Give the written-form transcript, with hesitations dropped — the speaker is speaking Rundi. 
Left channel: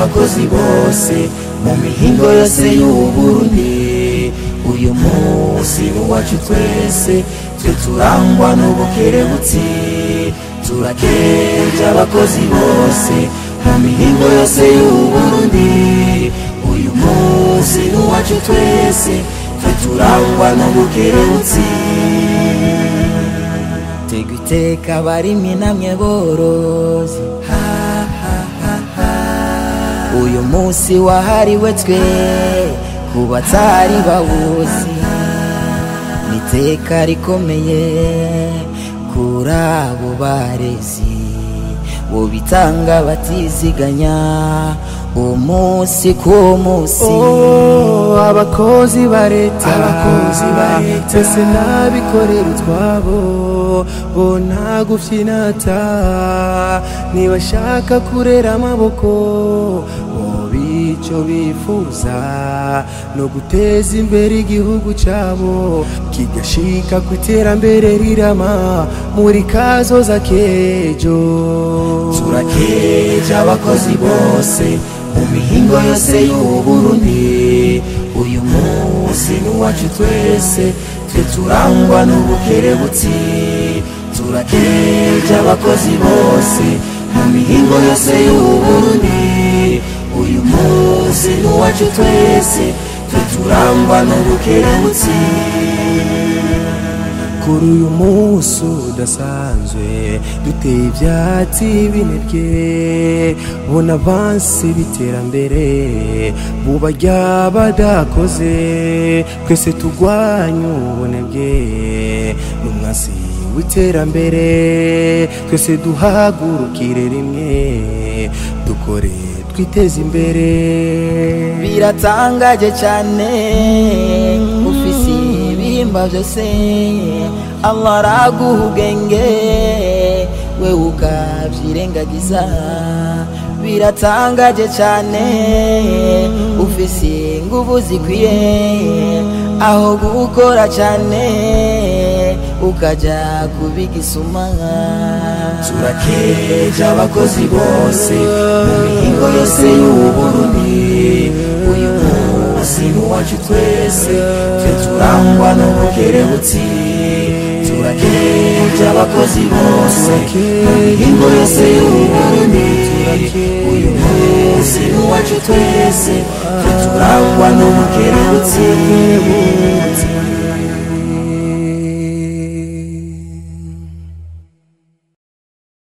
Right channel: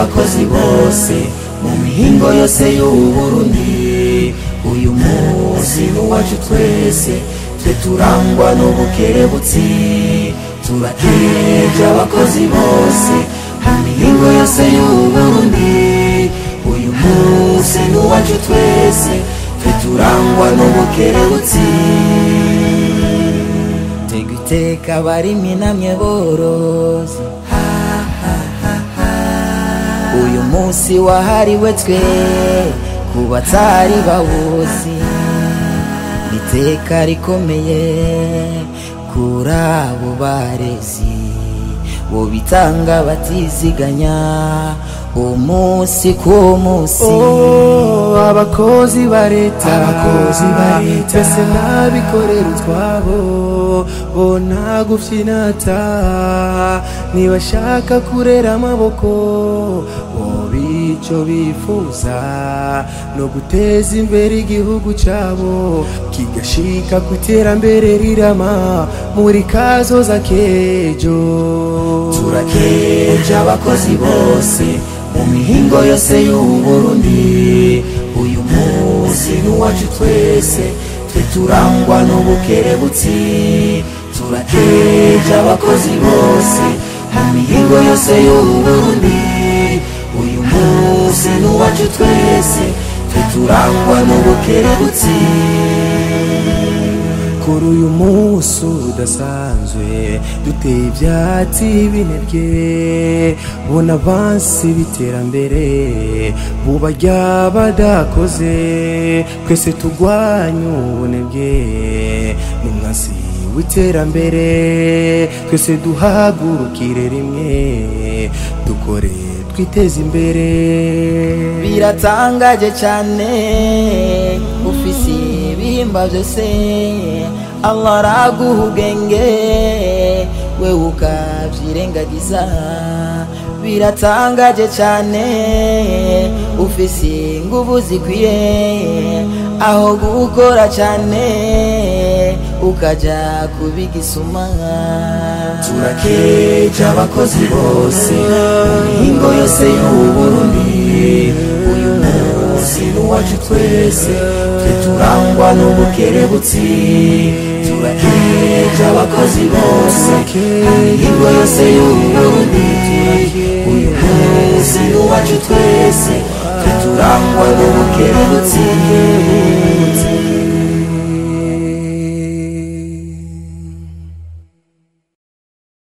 abakozi bose mu mihingo yose y'Uburundi uyu munsi n'uwacu twese twe turangwa n'ubukerebutsi turakeje abakozi bose mu mihingo yose y'Uburundi uyu munsi n'uwacu twese twe turangwa n'ubukerebutsi tega iteka barimwe namwe borozi uyu munsi wahariwe twe kubatari bawuzi niteka rikomeye kuri abo barezi bo bitanga batiziganya umunsi ku munsi abakozi ba leta twese n'abikorera utwabo bo nta gufyinata ntibashaka kurera amaboko bo bico bifuza no guteza imbere igihugu cabo kigashika ku iterambere rirama muri kazoza kejo turakeje abakozi bose mu mihingo yose y'Uburundi uyu munsi n'uwacu twese twe turangwa n'ubukerebutsi turakeje abakozi bose mu mihingo yose y'Uburundi uyu munsi n'uwacu twese twe turangwa n'ubukerebutsi kuri uyu munsi udasanzwe duteye ivyatsi binebye bona avansi biterambere buba ry'abadakoze twese tugwanya ubunebwe n'umwasi w'iterambere twese duhagurukire rimwe dukore twiteze imbere biratangaje cyane ufise ibihimba byose Allah araguha ubwenge we ukavyirengagiza biratangaje cyane ufise inguvu zikwiye aho gukora cyane ukaja kubigisuma turakeje abakozi bose mu mihingo yose y'Uburundi uyu munsi n'uwacu twese twe turangwa n'ubukerebutsi turakeje abakozi bose mu mihingo yose y'Uburundi uyu munsi n'uwacu twese twe turangwa n'ubukerebutsi